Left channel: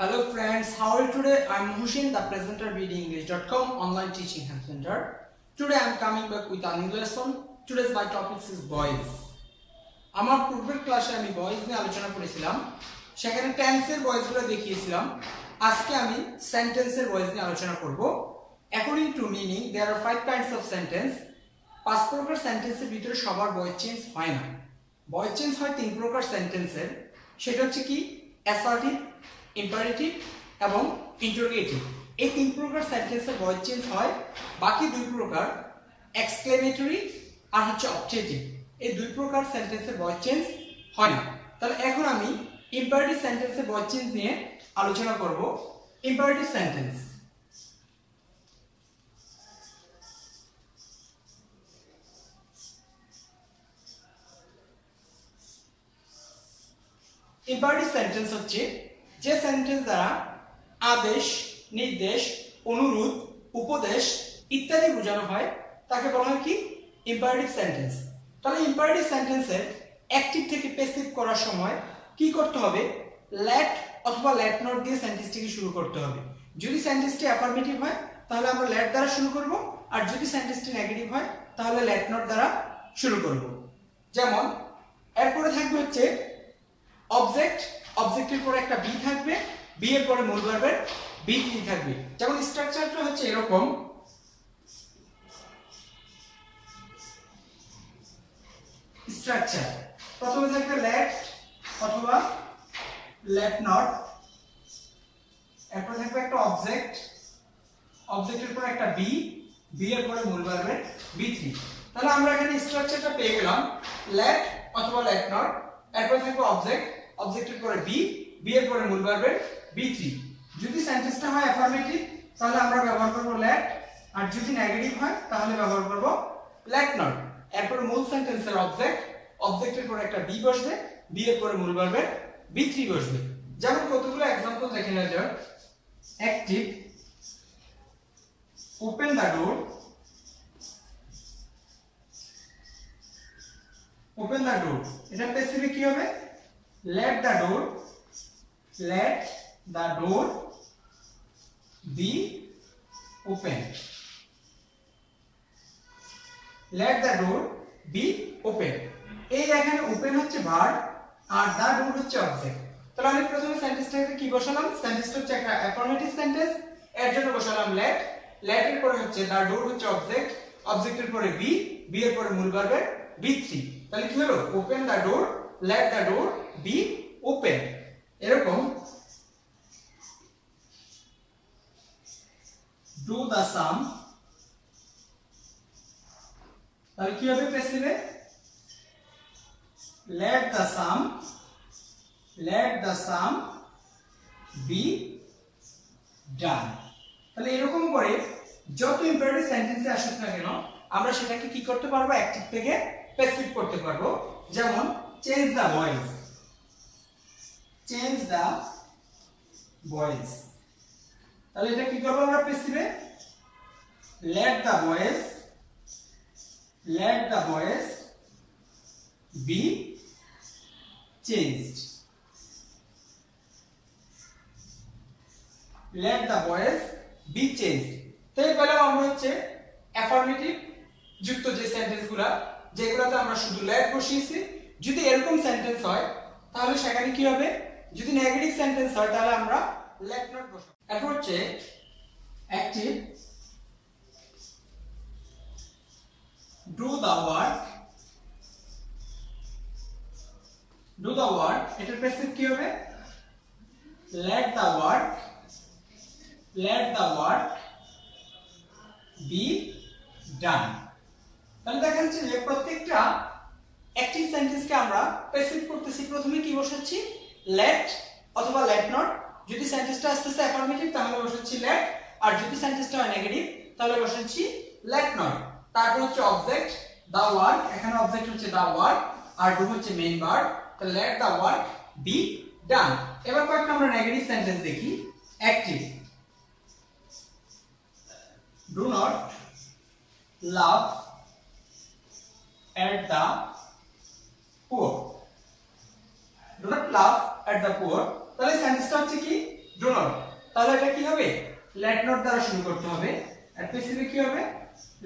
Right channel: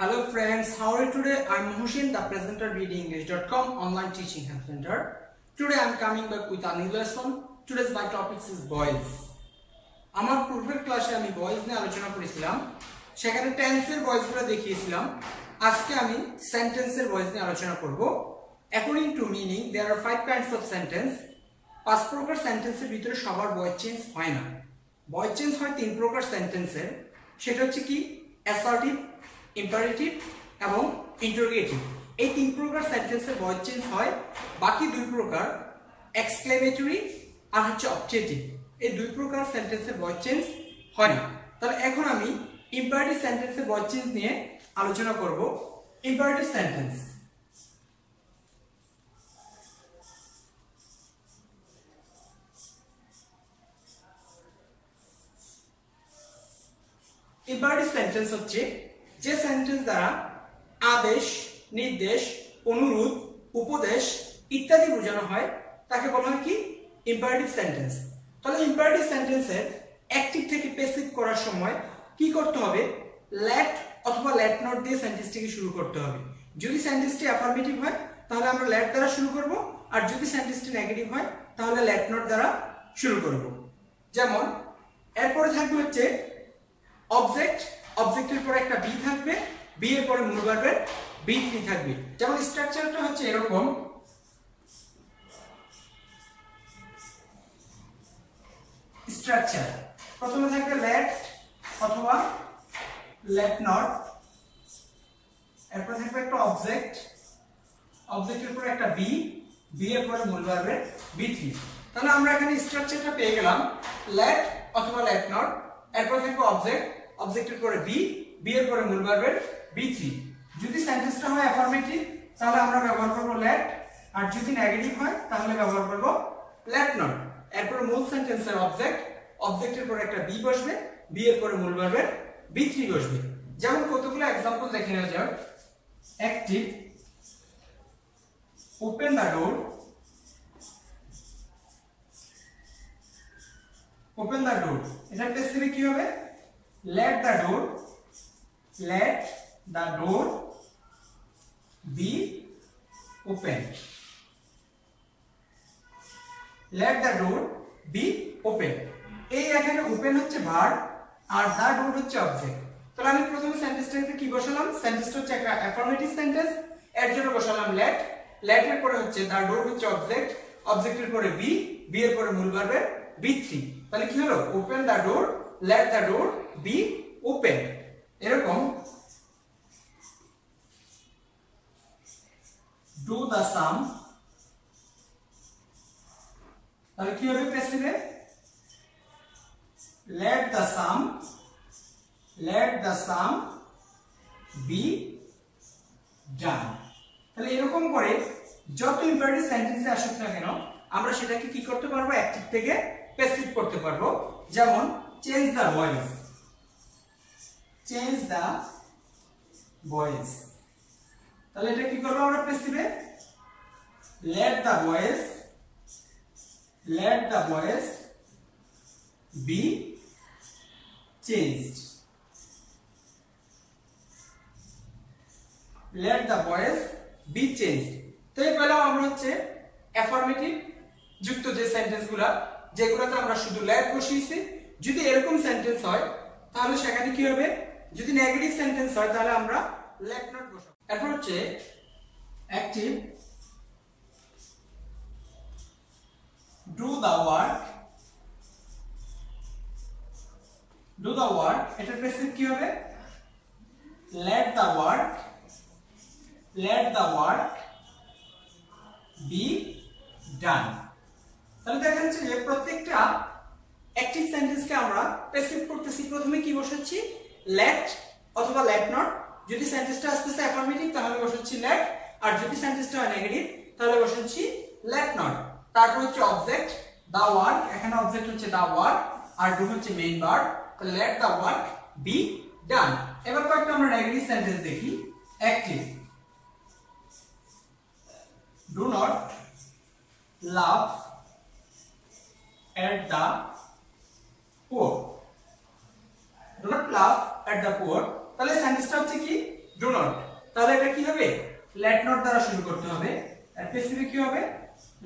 Hello friends, how are you today? I'm Mohsin, the presenter BDEnglish.com online teaching help center. Today I'm coming back with a new lesson. Today's my topic is boys. আমার পূর্বের ক্লাসে আমি boys নিয়ে আলোচনা করেছিলাম, সেখানে টেন্সের বয়েজগুলো দেখিয়েছিলাম। আজকে আমি সেন্টেন্সের বয়েজ নিয়ে আলোচনা করব। According to meaning there are 5 kinds of sentence. 5 প্রকার সেন্টেন্সের ভিতরে সবার ভয়েস চেঞ্জ হয় না। ভয়েস চেঞ্জ হয় 3 প্রকার সেন্টেন্সের। সেটা হচ্ছে কি অ্যাসার্টিভ, ইম্পারেটিভ এবং ইন্টারোগেটিভ। এই 3 প্রকার সেন্টেন্সের ভয়েস চেঞ্জ হয়। বাকি 2 প্রকার এক্সক্লেমেটরি আর হচ্ছে অবজেক্টিভ, এই 2 প্রকার সেন্টেন্সের ভয়েস চেঞ্জ হয় না। তাহলে এখন আমি ইম্পারেটিভ সেন্টেন্সের ভয়েস চেঞ্জ নিয়ে আলোচনা করব। ইম্পারেটিভ সেন্টেন্স, ইম্পারেটিভ সেন্টেন্স হচ্ছে যে সেন্টেন্স দ্বারা আদেশ, নির্দেশ, অনুরোধ, উপদেশ ইত্যাদি বোঝানো হয় তাকে বলা হয় কি ইম্পারেটিভ সেন্টেন্স। তাহলে ইম্পারেটিভ সেন্টেন্সের অ্যাক্টিভ থেকে প্যাসিভ করার সময় কি করতে হবে? লেট অথবা লেট নট দিয়ে সেন্টেন্সটিকে শুরু করতে হবে। যদি সেন্টেন্সটি অ্যাফার্মেটিভ হয় তাহলে আমরা লেট দ্বারা শুরু করব, আর যদি সেন্টেন্সটি নেগেটিভ হয় তাহলে লেট নট দ্বারা শুরু করব। যেমন এরপরে থাকবে হচ্ছে অবজেক্ট, অবজেক্টের পরে একটা বি থাকবে, বি এর পরে মূল ভার্বের বি3 থাকবে। যেমন স্ট্রাকচারটা হচ্ছে এরকম, স্ট্রাকচার প্রথমে থাকবে লেট অথবা লেট নট, এরপর থাকবে একটা অবজেক্ট, অবজেক্টের পরে একটা বি, বি এর পরে মূল ভার্বের বি3। তাহলে আমরা এখানে স্ট্রাকচারটা পেয়ে গেলাম লেট অথবা লেট নট, এরপর থাকবে অবজেক্ট, অবজেক্টের পরে বি, বি এর পরে মূল ভার্বের বি3। যদি সেন্টেন্সটা হয় অ্যাফার্মেটিভ তাহলে আমরা ব্যবহার করব লেট, আর যদি নেগেটিভ হয় তাহলে ব্যবহার করব লেট নট। এরপর মূল সেন্টেন্সের অবজেক্ট, অবজেক্টের পরে একটা বি বসবে, বি এর পরে মূল ভার্বের বি3 বসবে। যেমন কতগুলো एग्जांपल দেখে নেওয়া যাক। Active, open the door, open the door. এটা প্যাসিভে কি হবে? let the door, let the door be open, let the door be open। এই এখানে ওপেন হচ্ছে ভার্ব আর দা ডোর হচ্ছে অবজেক্ট। তাহলে আমি প্রথমে সেন্টেন্সটাতে কি বসালাম? সেন্টেন্সটা হচ্ছে একটা অ্যাফার্মেটিভ সেন্টেন্স, এর জন্য বসালাম লেট, লেট এর পরে হচ্ছে দা ডোর হচ্ছে অবজেক্ট, অবজেক্টের পরে বি, বি এর পরে মূল ভার্বের বি3। তাহলে কি হলো? Open the door, let the door be open। এরকম do the sum, তাহলে কি হবে প্যাসিভে? let the sum, let the sum be done। তাহলে এরকম করে যত ইম্পারেটিভ সেন্টেন্সে আসুক না কেন আমরা সেটাকে কি করতে পারবো? অ্যাক্টিভ থেকে প্যাসিভ করতে পারবো। যেমন change the voice, change the voice. তাহলে এটা কি করব আমরা প্যাসিভে? let the voice, let the voice be changed, let the voice be changed। তো এই পেলাম আমরা হচ্ছে অ্যাফার্মেটিভ যুক্ত যে সেন্টেন্সগুলো, যেগুলোতে আমরা শুধু let বসিয়েছি। যদি এরকম সেন্টেন্স হয় তাহলে সেখানে কি হবে? যদি নেগেটিভ সেন্টেন্স হয় তাহলে আমরা let not বসাবো। এরপর হচ্ছে active, do the work, do the work। এটার প্যাসিভ কি হবে? let the work, let the work be done। তাহলে দেখা যাচ্ছে যে প্রত্যেকটা অ্যাক্টিভ সেন্টেন্সকে আমরা প্যাসিভ করতেছি। প্রথমে কি বসাচ্ছি? let অথবা let not। যদি সেন্টেন্সটা আসতেছে অ্যাফার্মেটিভ তাহলে বসাচ্ছি let, আর যদি সেন্টেন্সটা হয় নেগেটিভ তাহলে বসাচ্ছি let not। তারপর হচ্ছে অবজেক্ট the work, এখানে অবজেক্ট হচ্ছে the work আর do হচ্ছে মেইন ভার্ব। তো let the work be done। এবার কয়েকটা আমরা নেগেটিভ সেন্টেন্স দেখি। Active, do not laugh at the poor, do not laugh at the poor। তাহলে সেন্টেন্সটা হচ্ছে কি ডু নট, তাহলে এটা কি হবে লেট নট দ্বারা শুরু করতে হবে আর পেসিভে কি হবে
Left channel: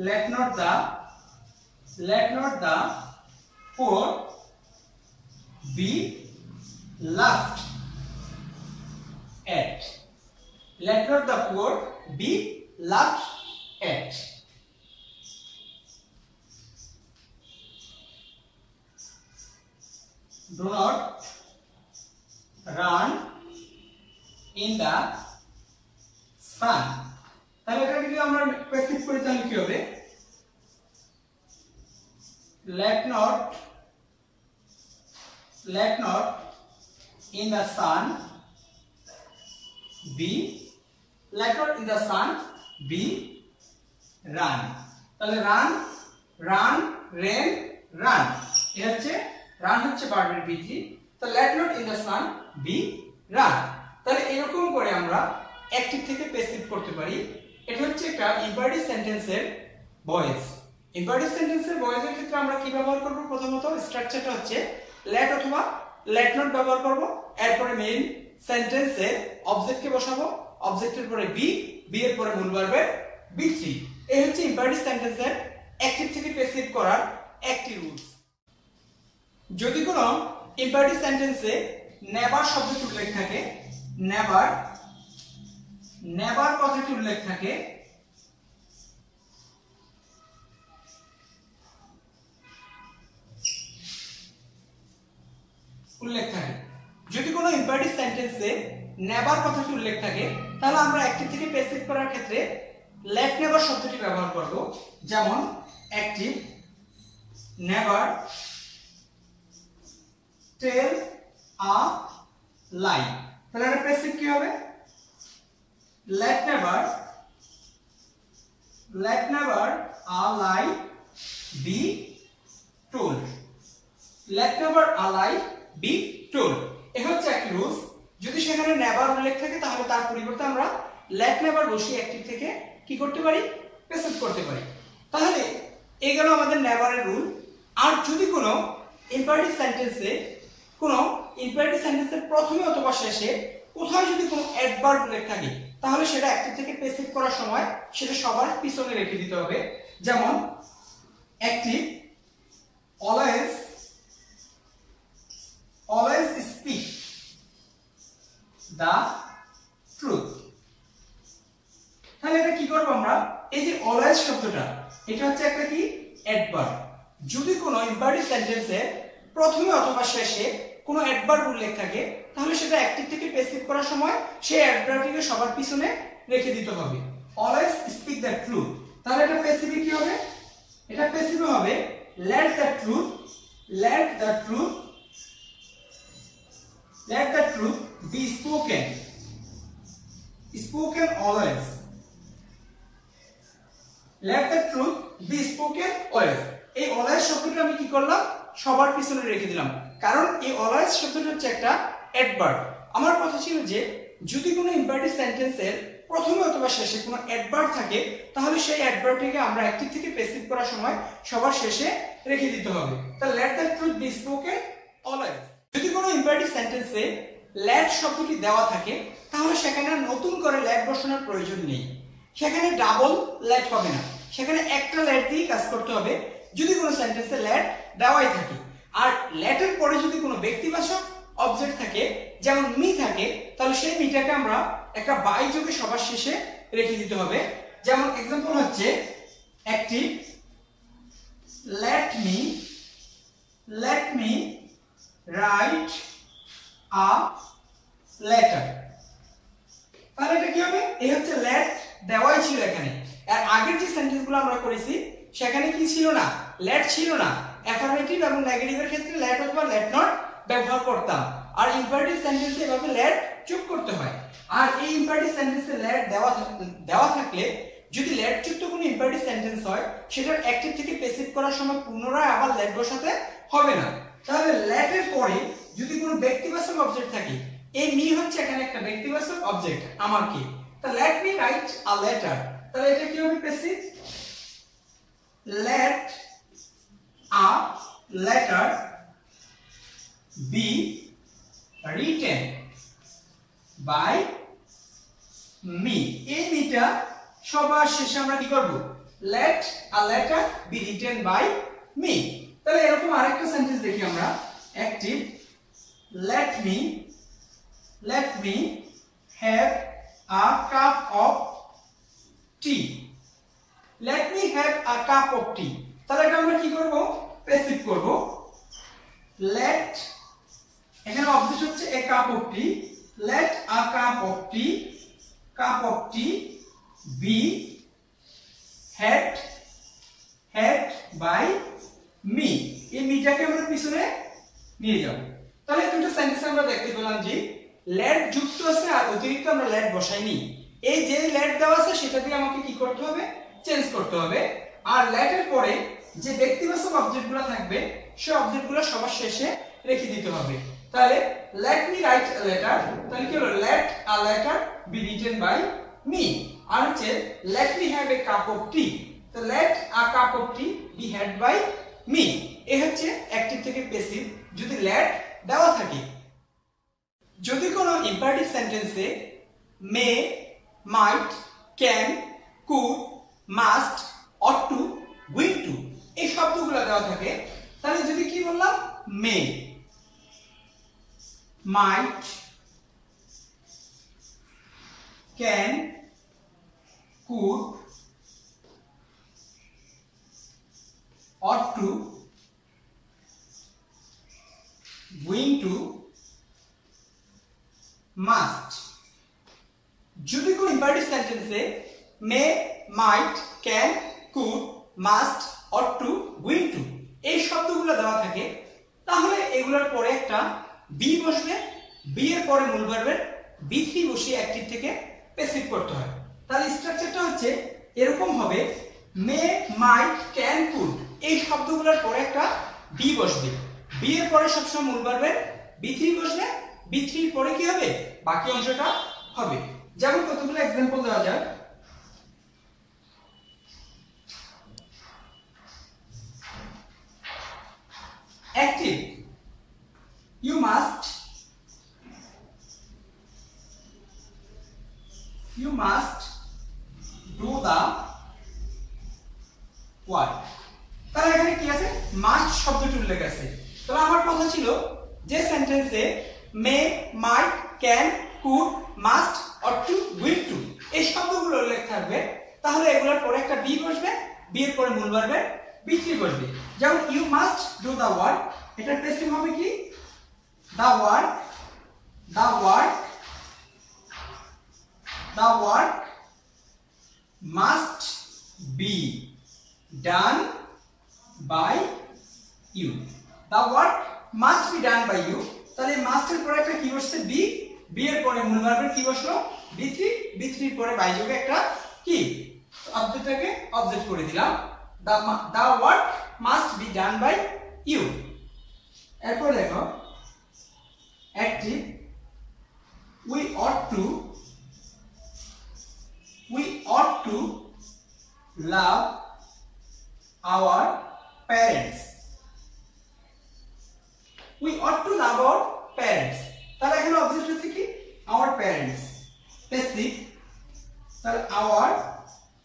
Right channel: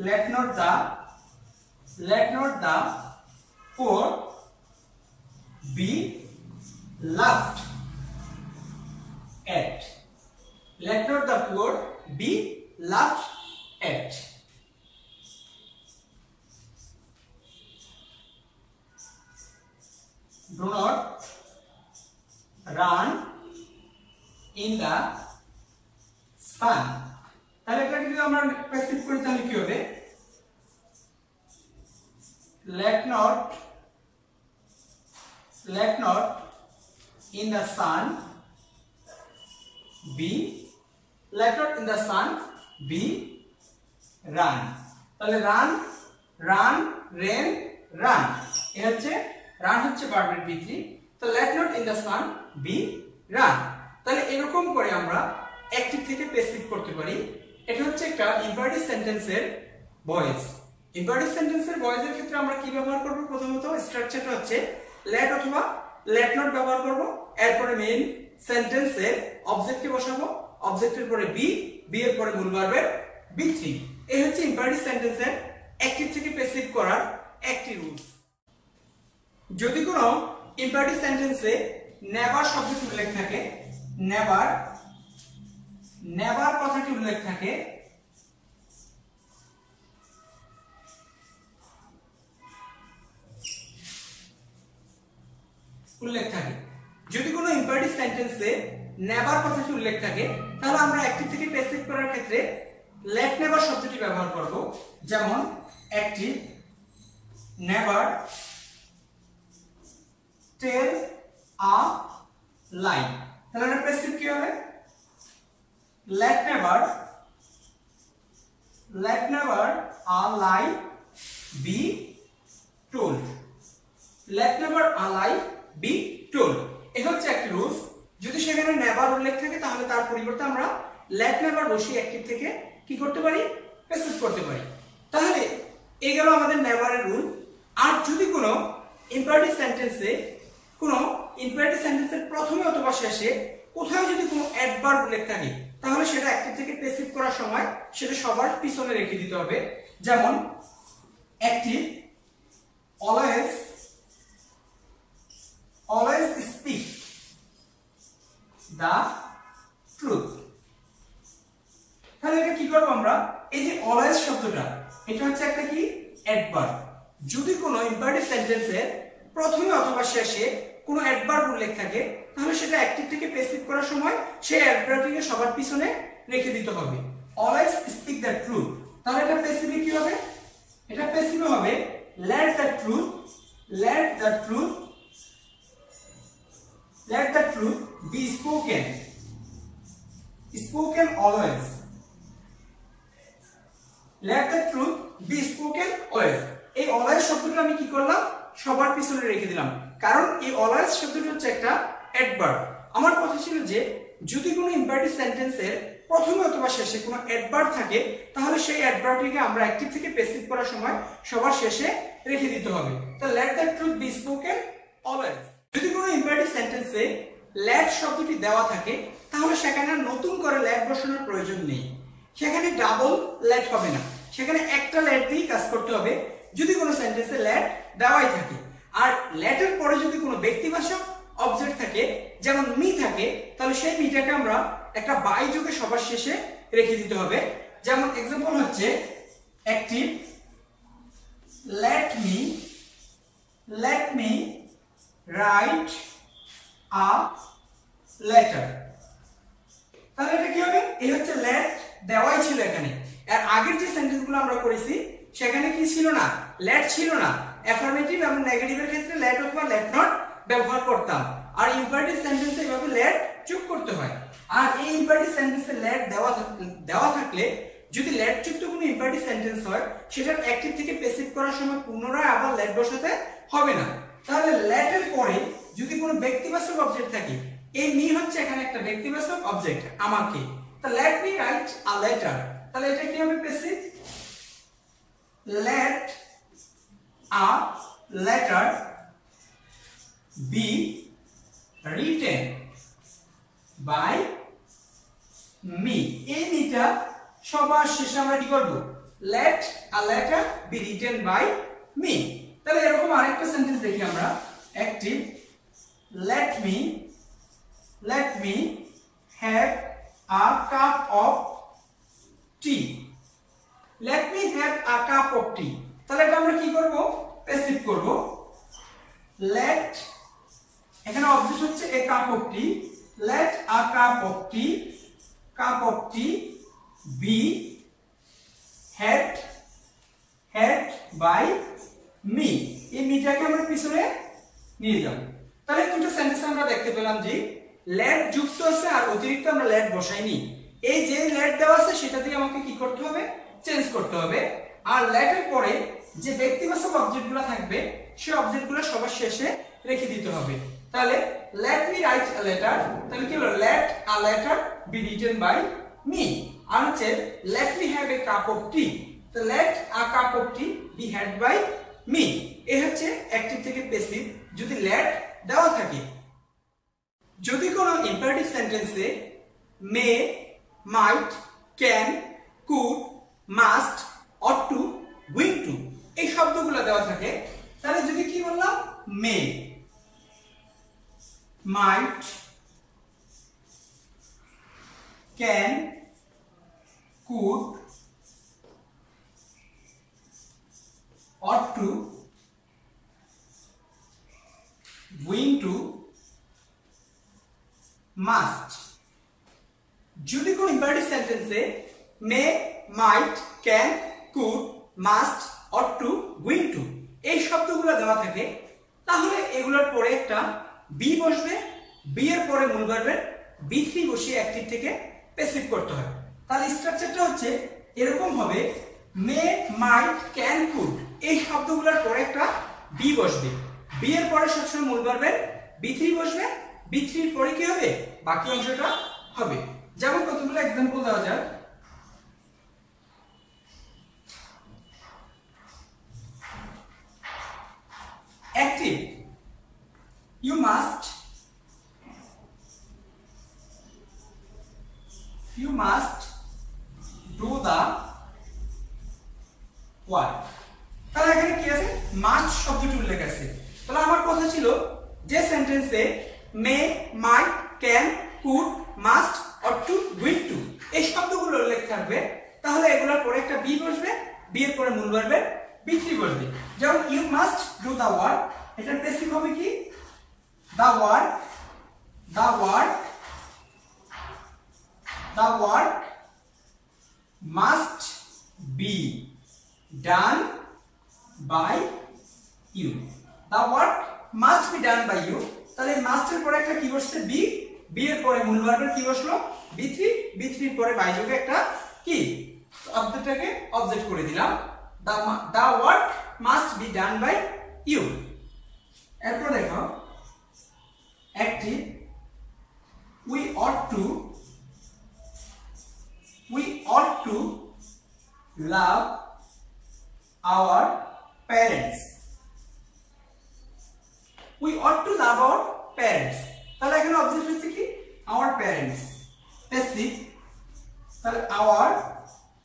let not the poor be laughed at. Let not the poor be laughed at. Do not run in the sun. তাহলে এটা যদি আমরা প্র্যাকটিস করি তাহলে কি হবে let not in the sun be run. তাহলে run ran এর হচ্ছে run হচ্ছে ভার্বের V3, তো let not in the sun be run. তাহলে এরকম করে আমরা অ্যাক্টিভ থেকে প্যাসিভ করতে পারি। এটা হচ্ছে একটা ইম্পারেটিভ সেন্টেন্সের ভয়েস। ইম্পারেটিভ সেন্টেন্সের ভয়েসের ক্ষেত্রে আমরা কি ব্যবহার করব প্রথমত স্ট্রাকচারটা হচ্ছে let অথবা let not ব্যবহার করব, এরপরে মেইন সেন্টেন্সে অবজেক্টকে বসাবো, অবজেক্টের পরে বি এর পরে মূল ভার্বের V3। এই হচ্ছে ইম্পারেটিভ সেন্টেন্সের অ্যাক্টিভ থেকে প্যাসিভ করার একটি রুলস। যদি কোনো ইম্পারেটিভ সেন্টেন্সে নেভার শব্দটি উল্লেখ থাকে, নেভার কথাটি উল্লেখ থাকে, যদি কোনো ইম্পারেটিভ সেন্টেন্সে নেভার কথাটি উল্লেখ থাকে তাহলে আমরা অ্যাক্টিভ থেকে প্যাসিভ করার ক্ষেত্রে লেট নেভার শব্দটি ব্যবহার করব। যেমন অ্যাক্টিভ নেভার টেল আ লাই, তাহলে এটা প্যাসিভ কি হবে let never a lie be told. let never a lie be told এ হচ্ছে একটি রুলস। যদি সেখানে নেভার উল্লেখ থাকে তাহলে তার পরিবর্তে আমরা let never বসিয়ে অ্যাক্টিভ থেকে কি করতে পারি প্যাসিভ করতে পারি। তাহলে এই গেল আমাদের নেভারের রুল। আর যদি কোনো ইম্পারেটিভ সেন্টেন্সের প্রথমে অথবা শেষে কোথাও যদি কোনো অ্যাডভার্ব উল্লেখ থাকে তাহলে সেটা অ্যাক্টিভ থেকে প্যাসিভ করার সময় সেটা সবার পিছনে রেখে দিতে হবে। যেমন active always speak the truth। তাহলে এটা কি করব আমরা, এই যে অলওয়েজ শব্দটা এটা হচ্ছে একটা কি অ্যাডভার্ব। যদি কোনো ইম্পারেটিভ সেন্টেন্সে প্রথমে অথবা শেষে কোনো অ্যাডভার্ব উল্লেখ থাকে তাহলে সেটা অ্যাক্টিভ থেকে প্যাসিভ করার সময় সেই অ্যাডভার্বটিকে সবার পিছনে রেখে দিতে হবে। অলওয়েজ স্পিক দ্য ট্রুথ, তাহলে এটা প্যাসিভে কি হবে, এটা প্যাসিভে হবে let the truth be spoken always. let the truth be spoken always, এই অলওয়েজ শব্দটা আমি কি করলাম সবার পিছনে রেখে দিলাম, কারণ এই অলওয়েজ শব্দটা হচ্ছে একটা অ্যাডভার্ব। আমার কথা ছিল যে যদি কোনো ইম্পারেটিভ সেন্টেন্সের প্রথমে অথবা শেষে কোনো অ্যাডভার্ব থাকে তাহলে সেই অ্যাডভার্বটিকে আমরা অ্যাক্টিভ থেকে প্যাসিভ করার সময় সবার শেষে রেখে দিতে হবে। তো let the truth be spoken always। যদি কোনো ইম্পারেটিভ সেন্টেন্সে let শব্দটি দেওয়া থাকে তাহলে সেখানে নতুন করে let বসানোর প্রয়োজন নেই, সেখানে ডাবল let হবে না, সেখানে একটা let দিয়ে কাজ করতে হবে যদি কোনো সেন্টেন্সে let দেওয়াই থাকে। আর let এর পরে যদি কোনো ব্যক্তিবাচক অবজেক্ট থাকে যেমন মি থাকে তাহলে সেই মিটাকে আমরা একটা বাই যোগে সবার শেষে রেখে দিতে হবে। যেমন एग्जांपल হচ্ছে active let me write a letter, তাহলে এটা কি হবে এই হচ্ছে let দেওয়াই ছিল এখানে। আর আগের যে সেন্টেন্সগুলো আমরা করেছি সেখানে কি ছিল না let ছিল না, অ্যাফার্মেটিভ এবং নেগেটিভের ক্ষেত্রে let অথবা let not ব্যবহার করতাম, আর ইম্পারেটিভ সেন্টেন্সে এভাবে let যোগ করতে হয়। আর এই ইম্পারেটিভ সেন্টেন্সে let দেওয়া থাকলে যদি let যুক্ত কোনো ইম্পারেটিভ সেন্টেন্স হয় সেটার অ্যাক্টিভ থেকে প্যাসিভ করার সময় পুনরায় আবার let বসাতে হবে না। তাহলে let এর পরে যদি কোনো ব্যক্তিবাচক অবজেক্ট থাকে, এই মি হচ্ছে এখানে একটা ব্যক্তিবাচক অবজেক্ট আমাকে, তা let me write a letter, তাহলে এটা কি হবে passive let a letter be written by me. এই মিটা সবার শেষে আমরা কি করব, let a letter be written by me। তাহলে এরকম আরেকটা সেন্টেন্স দেখি আমরা, active, let me have a cup of tea। let me have a cup of tea, তাহলে এটা আমরা কি করব, প্যাসিভ করব। let, এখানে অবজেক্ট হচ্ছে a cup of tea, let a cup of tea be had by me। এই মিটাকে আমরা পিছনে নিয়ে যাব। তাহলে দুটো সেন্টেন্স আমরা দেখতে পেলাম যে let যুক্ত আছে আর অতিরিক্ত আমরা let বসাইনি। এই যে let দেওয়া আছে সেটা দিয়ে আমাকে কি করতে হবে, চেঞ্জ করতে হবে। আর let এর পরে যে ব্যক্তিবাচক অবজেক্টগুলো থাকবে সেই অবজেক্টগুলো সবার শেষে রেখে দিতে হবে। তাহলে let me write a letter, তাহলে কি হলো, let a letter be written by me। আর হচ্ছে let me have a cup of tea, তো let a cup of tea be had by me। এই হচ্ছে অ্যাক্টিভ থেকে প্যাসিভ যদি let দেওয়া থাকে। যদি কোনো ইম্পারেটিভ সেন্টেন্সে may, might, can, could, must, ought to, going to এই শব্দগুলো দেওয়া থাকে, তাহলে যদি কি বললাম, may, might, can, could, ought to, going to, must. যদি কোন ইম্পারেটিভ সেন্টেন্সে may, might, can, could, must, ought to, going to এই শব্দগুলো দেওয়া থাকে, তাহলে এগুলোর পরে একটা বি বসবে, বি এর পরে মূল ভার্বের বি3 বসিয়ে অ্যাক্টিভ থেকে প্যাসিভ করতে হয়। তাহলে স্ট্রাকচারটা হচ্ছে এরকম হবে, মে, মাইট, ক্যান, কুড এই শব্দগুলোর পরে একটা বি বসবে, বি এর পরে সবসময় মূল ভার্বের বি3 বসবে, বি3 এর পরে কি হবে, বাকি অংশটা হবে। যেমন কতগুলো एग्जांपल দেওয়া যায়, active, you must do the work। তাহলে এখানে কি আছে, মাস্ট শব্দটি উল্লেখ আছে। তাহলে আমার কথা ছিল যে সেন্টেন্সে may, might, can, could, must, ought to, will to এই শব্দগুলো উল্লেখ থাকবে, তাহলে এগুলোর পরে একটা বি বসবে, বি এর পরে মূল ভার্বের বি3 বসবে। যেমন you must do the work, এটার প্যাসিভ হবে কি, the work must be done by you. The work must be done by you, তাহলে মাস্টের পরে একটা কি বসছে, বি, বি এর পরে মূল ভার্বের কি বসলো, বি3, বি3 এর পরে বাই যোগে একটা কি অবজেক্টটাকে অবজেক্ট করে দিলাম, the work must be done by you. এরপর দেখো active, we ought to love our parents। we ought to love our parents, তাহলে এখানে অবজেক্ট হচ্ছে কি, our parents, প্যাসিভ, তাহলে our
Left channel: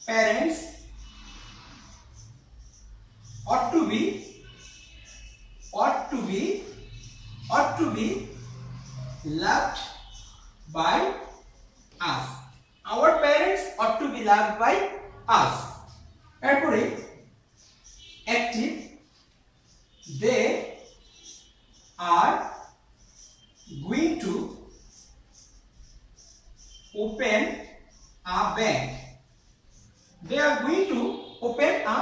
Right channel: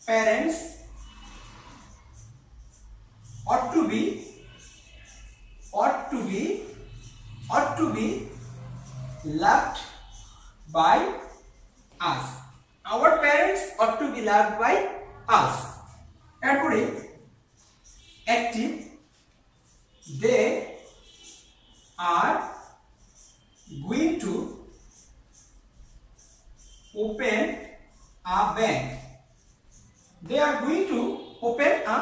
parents ought to be loved by us। our parents ought to be loved by us। এরপরে active, they are going to open a bank। they are going to open a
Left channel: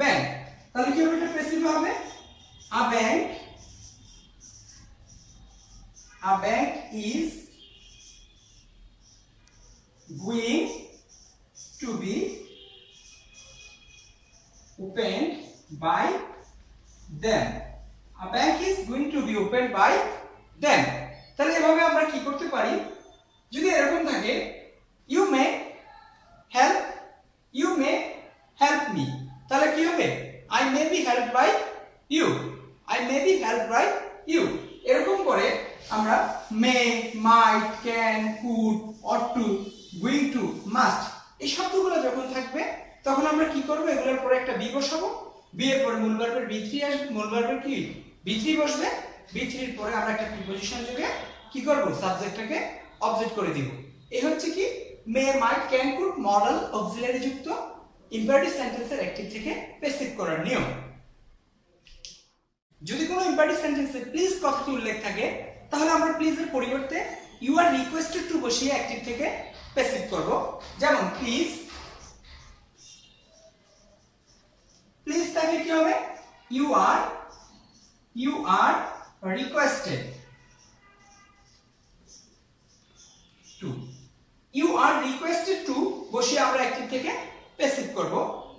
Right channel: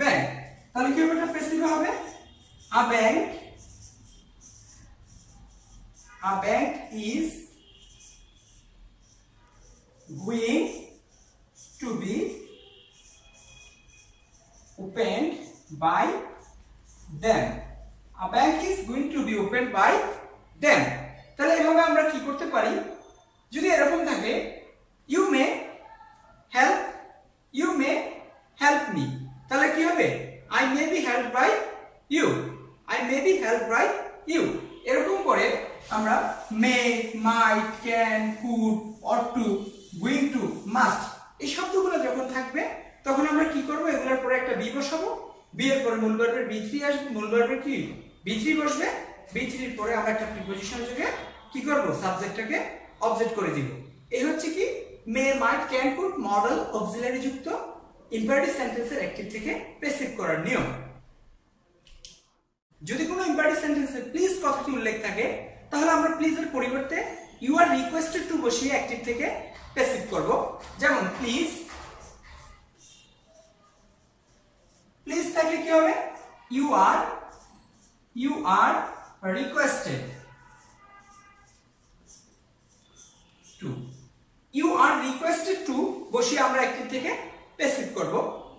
bank, তাহলে কি হবে, এটা passive হবে, a bank is going to be opened by them। a bank is going to be opened by them। তাহলে এভাবে আমরা কি করতে পারি, যদি এরকম থাকে, you may help me, তাহলে কি হবে, I may be helped by you। এরকম করে আমরা may, might, can, could, ought to going to, must, এই শব্দগুলো যখন থাকবে তখন আমরা কি করব, এগুলোর পরে একটা বি বসাবো, বি এর পরে মূল ভার্বের বি3 আসবে, মূল ভার্বের কি বি3 বসবে, বি3 এর পরে আমরা একটা প্রিপজিশন যোগে কি করব, সাবজেক্টটাকে অবজেক্ট করে দিব। এই হচ্ছে কি মে, might, can, could modal auxiliary যুক্ত ইম্পারেটিভ সেন্টেন্সের অ্যাক্টিভ থেকে প্যাসিভ করার নিয়ম। যদি কোনো ইম্পারেটিভ সেন্টেন্সে প্লিজ কথাটি উল্লেখ থাকে তাহলে আমরা প্লিজ এর পরিবর্তে ইউ আর রিকোয়েস্টেড টু বসিয়ে অ্যাক্টিভ থেকে প্যাসিভ করব। যেমন প্লিজ, প্লিজ থাকলে কি হবে, you are requested to, you are requested to বসিয়ে আমরা অ্যাক্টিভ থেকে প্যাসিভ করব।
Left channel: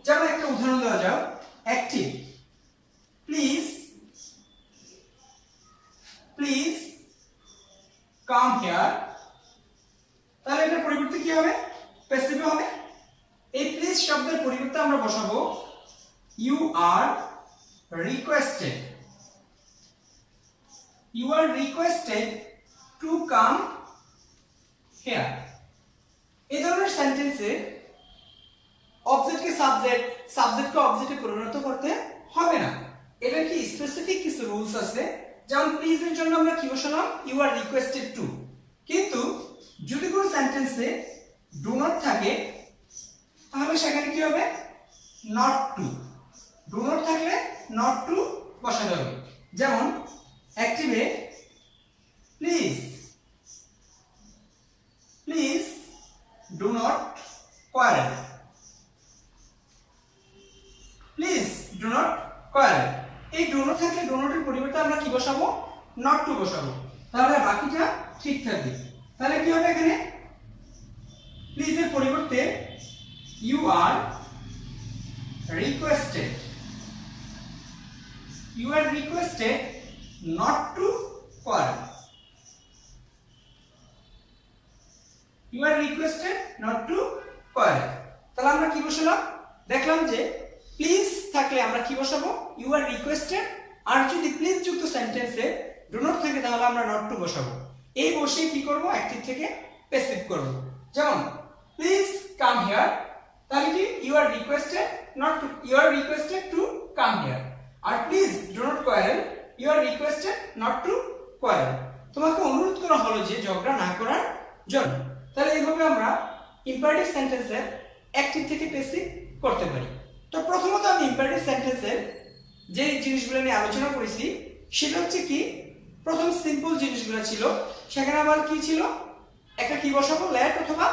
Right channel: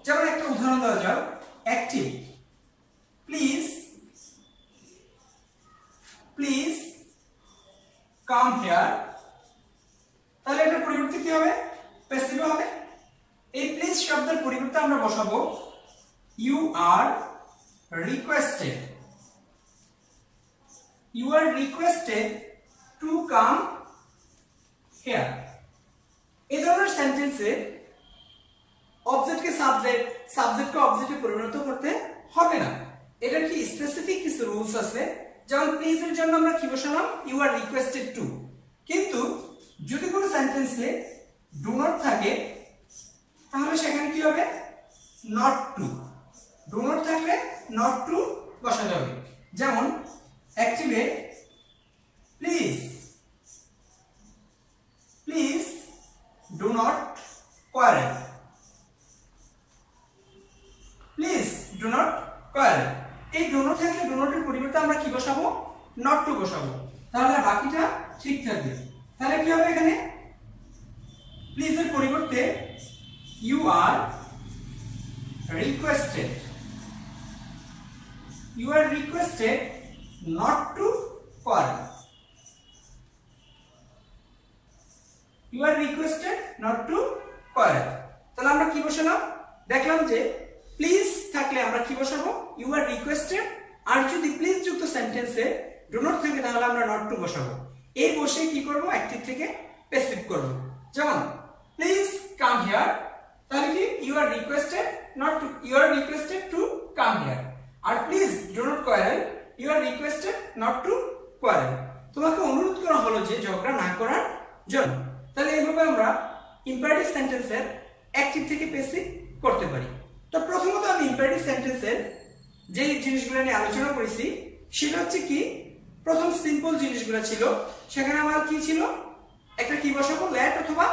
যেমন একটা উদাহরণ দেওয়া যাক, active please, please come here, তাহলে এটার পরিবর্তে কি হবে, প্যাসিভ হবে। এই প্লিজ শব্দের পরিবর্তে আমরা বসাবো you are requested, you are requested to come here. এই ধরনের সেন্টেন্সে অবজেক্টকে সাবজেক্ট, সাবজেক্টকে অবজেক্টে পরিণত করতে হবে না। এটা কি স্পেসিফিক কিছু রুলস আছে, যেমন প্লিজ এর জন্য আমরা কি বসালাম, ইউ আর রিকোয়েস্টেড টু। কিন্তু যদি কোনো সেন্টেন্সে ডু নট থাকে তাহলে সেখানে কি হবে, নট টু। ডু নট থাকলে নট টু বসাতে হবে। যেমন অ্যাক্টিভে please, please do not quarrel, please do not quarrel. এই ডু নট থাকলে ডু নটের পরিবর্তে আমরা কি বসাবো, নট টু বসাবো, তাহলে বাকিটা ঠিক থাকবে। তাহলে কি হবে, এখানে প্লিজ এর পরিবর্তে you are requested, you are requested not to quarrel, you are requested not to quarrel. তাহলে আমরা কি বসালাম, দেখলাম যে প্লিজ থাকলে আমরা কি বসাবো, ইউ আর রিকোয়েস্টেড, আর যদি প্লিজ যুক্ত সেন্টেন্সে ডু নট থাকে তাহলে আমরা নট টু বসাবো। এই বসে কি করব, অ্যাক্টিভ থেকে প্যাসিভ করব। যেমন প্লিজ কাম হিয়ার, তাহলে কি you are requested not to, you are requested to come here. আর please do not quarrel, you are requested not to quarrel. তোমাকে অনুরোধ করা হলো যে ঝগড়া না করার জন্য। তাহলে এইভাবে আমরা ইম্পারেটিভ সেন্টেন্সের অ্যাক্টিভ থেকে প্যাসিভ করতে পারি। তো প্রথমত আমি ইম্পারেটিভ সেন্টেন্সের যে জিনিসগুলো নিয়ে আলোচনা করেছি সেটা হচ্ছে কি, প্রথম সিম্পল জিনিসগুলো ছিল, সেখানে আমার কি ছিল, একটা কি বসাবো, লেট অথবা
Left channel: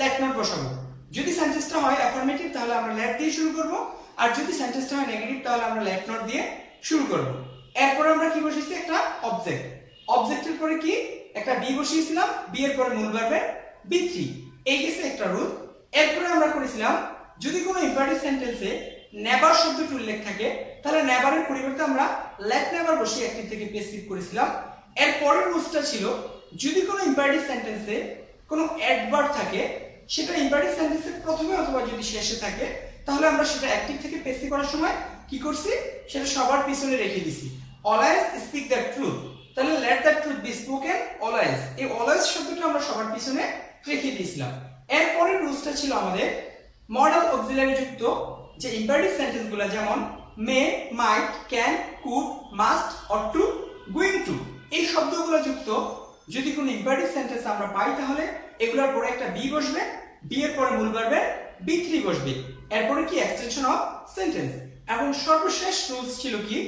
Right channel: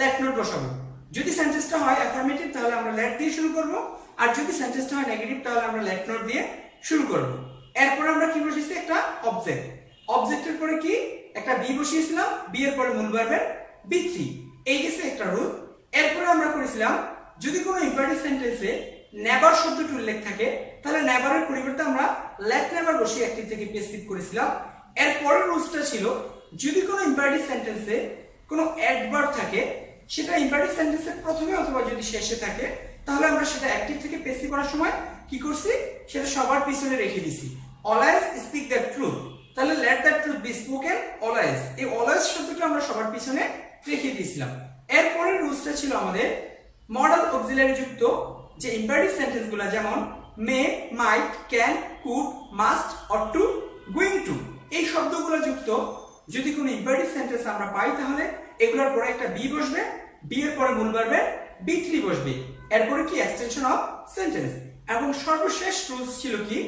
লেট নট বসাবো। যদি সেন্টেন্সটা হয় অ্যাফার্মেটিভ তাহলে আমরা লেট দিয়ে শুরু করব, আর যদি সেন্টেন্সটা হয় নেগেটিভ তাহলে আমরা লেট নট দিয়ে শুরু করব। এরপর আমরা কি বসিয়েছি, একটা অবজেক্ট, অবজেক্টের পরে কি একটা বি বসিয়েছিলাম, বি এর পরে মূল ভার্বের বি3, এই গেছে একটা রুল। এরপরে আমরা করেছিলাম যদি কোনো ইম্পারেটিভ সেন্টেন্সে নেভার শব্দটি উল্লেখ থাকে তাহলে নেভারের পরিবর্তে আমরা লেট নেভার বসিয়ে অ্যাক্টিভ থেকে প্যাসিভ করেছিলাম। এর পরের রুলসটা ছিল যদি কোনো ইম্পারেটিভ সেন্টেন্সে কোনো অ্যাডভার্ব থাকে সেটা ইম্পারেটিভ সেন্টেন্সের প্রথমে অথবা যদি শেষে থাকে তাহলে আমরা সেটা অ্যাক্টিভ থেকে প্যাসিভ করার সময় কি করছি, সেটা সবার পিছনে রেখে দিছি, অলওয়েজ স্পিক দ্য ট্রুথ। তাহলে let the truth B spoken always, এই অলওয়েজ শব্দটা আমরা সবার পিছনে রেখে দিয়েছিলাম। এরপরের রুলসটা ছিল আমাদের মডেল অক্সিলারি যুক্ত যে ইম্পারেটিভ সেন্টেন্সগুলো, যেমন may, might, can, could, must, or to, going to, এই শব্দগুলো যুক্ত যদি কোনো ইম্পারেটিভ সেন্টেন্স আমরা পাই তাহলে এগুলোর পরে একটা বি বসবে, বি এর পরে মূল ভার্বের বি3 বসবে, এরপরে কি এক্সটেনশন অফ সেন্টেন্স। এবং সর্বশেষ রুলস ছিল কি,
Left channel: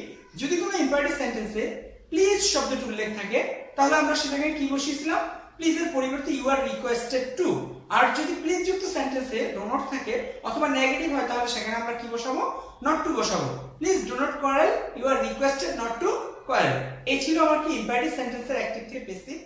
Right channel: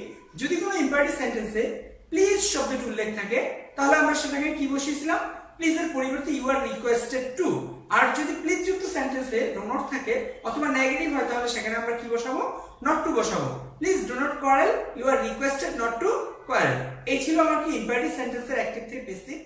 যদি কোনো ইম্পারেটিভ সেন্টেন্সে প্লিজ শব্দটি উল্লেখ থাকে তাহলে আমরা সেটাকে কি বসিয়েছিলাম, প্লিজ এর পরিবর্তে ইউ আর রিকোয়েস্টেড টু। আর যদি প্লিজ যুক্ত সেন্টেন্সে ডু নট থাকে অথবা নেগেটিভ হয় তাহলে সেখানে আমরা কি বসাবো, নট টু বসাবো। Please do not quarrel, you are requested not to quarrel. এই ছিল আমার কি ইম্পারেটিভ সেন্টেন্সের অ্যাক্টিভ থেকে প্যাসিভ